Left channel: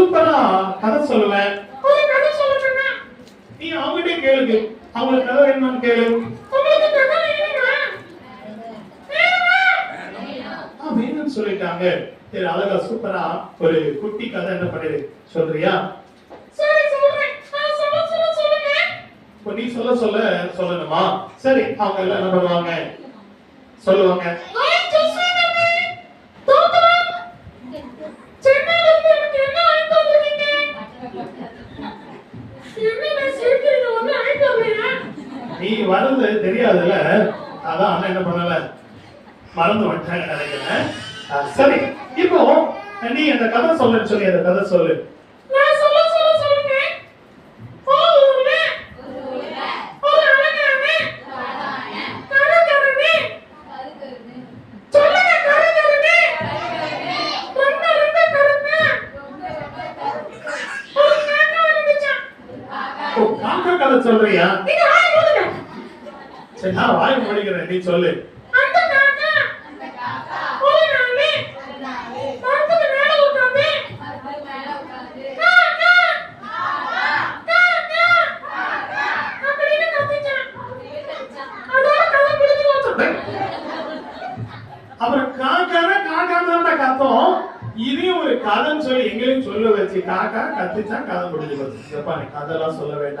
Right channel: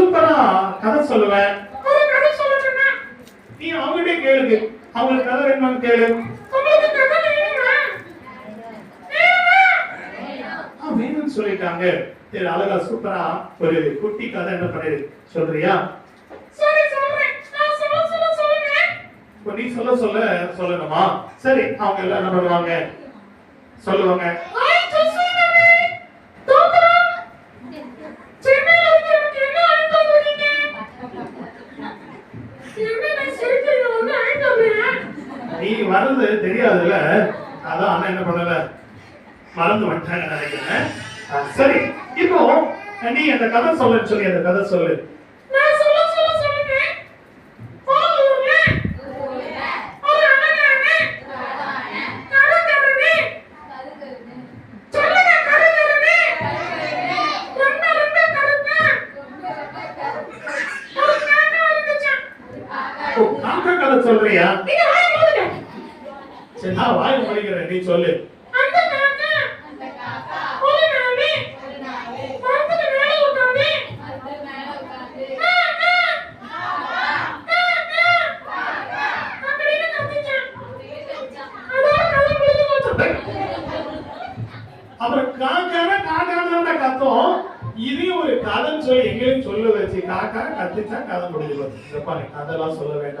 சூப்பரா கதை சொல்லுவேன். ஒரு கதை சொல்லணும்னா நீ அவங்ககிட்ட கேளு. அவங்களுக்கு கதை வேணுமான்னு கேளு. உங்களுக்கு கதை வேணுமா? வேணும்னு சொல்லிட்டாங்க. சரி, அழகா சூப்பரா ஒரு குட்டி கதை என்ன பண்ணு சொல்றியா? சரி சொல்றேன். நான் சொல்லுங்க. நீ சொல்லணுமா? சரி, அவங்க எல்லாம் என்ன பண்ணுவாங்க சொல்லுவாங்க. நீ வர்றது தெரியாதுல்ல, அதான் அண்ணன் என்ன பண்ணல, மறந்து வந்துட்டாங்க நினைக்கிறேன். சரி, இப்போ நீ அந்த கதை சொல்லுன்னு சொல்லி அந்த கதை சொல்லு. காக்கா கதை சொல்றியா? சரி, நான் வாய் முடிக்கிறேன், நீ சொல்லு. அப்புறம் காக்கா கத்தோம். இதையும் ஒரு கதைன்னு சொல்லி எங்கேயும் சொல்ல வச்சு காக்கா கத்திச்சா கதை முடிஞ்சு போச்சு. அதெல்லாம் சொல்ல வேண்டாம்.